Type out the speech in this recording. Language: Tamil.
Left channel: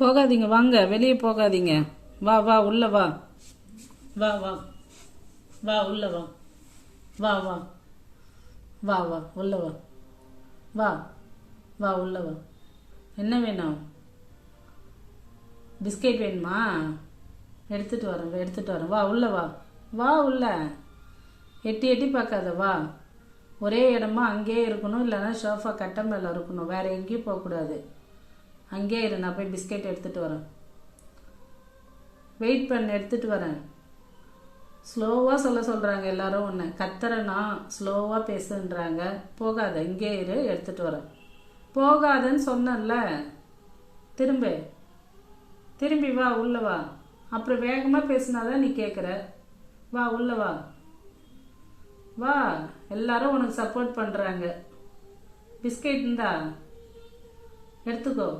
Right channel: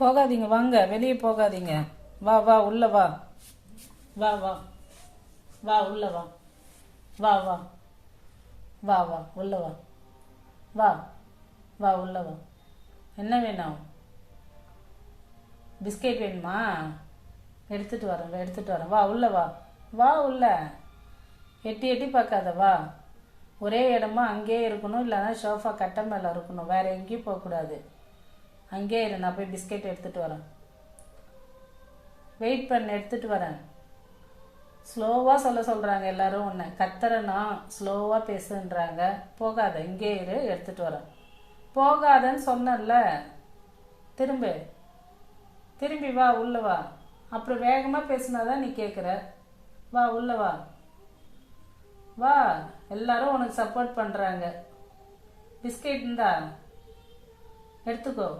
போகாதீங்க, வாங்க, வெளியே போகாதீங்க. வா வா உள்ள வா. வா வா வா உள்ள வா. வா வா வா வா உள்ள வா. வா வா உள்ள வா. என்ன வேணும்? பிஸ்கெட் வேணுமா? எடுத்துட்டு வரேன், எடுத்துட்டு வரேன். வா உள்ள வா. வா உள்ள. எட்டி எட்டி பார்க்காத, வா. ஒரே இடமா அங்கேயே இருக்கணும், இல்லைன்னா சோஃபா கட்டை மேலே இருக்கணும், வேற எங்கேயும் போகக்கூடாது. அங்கேயே இரு, நான் போய் பிஸ்கெட் எடுத்துட்டு வரேன். வெயிட் பண்ண, எடுத்துட்டு வரேன். ஸ்லோவாக சொல்கிறாங்க எல்லாரும். ஒன்று கத்துறனா ஸ்லோவாக பேசுன்றாங்க. போகாத, இங்கே இரு, எடுத்துட்டு வரேன். போகாதன்னு சொன்னல. திரும்பி திரும்பி வா உள்ள வா. அப்புறம் வேகமாக பேசினாதான் நீ கேட்குற. வா உள்ள வா. வா, எல்லாரும் உனக்கு சப்போர்ட் பண்ணுறாங்க. பிஸ்கெட் இருந்தா எடுத்துக்கோ.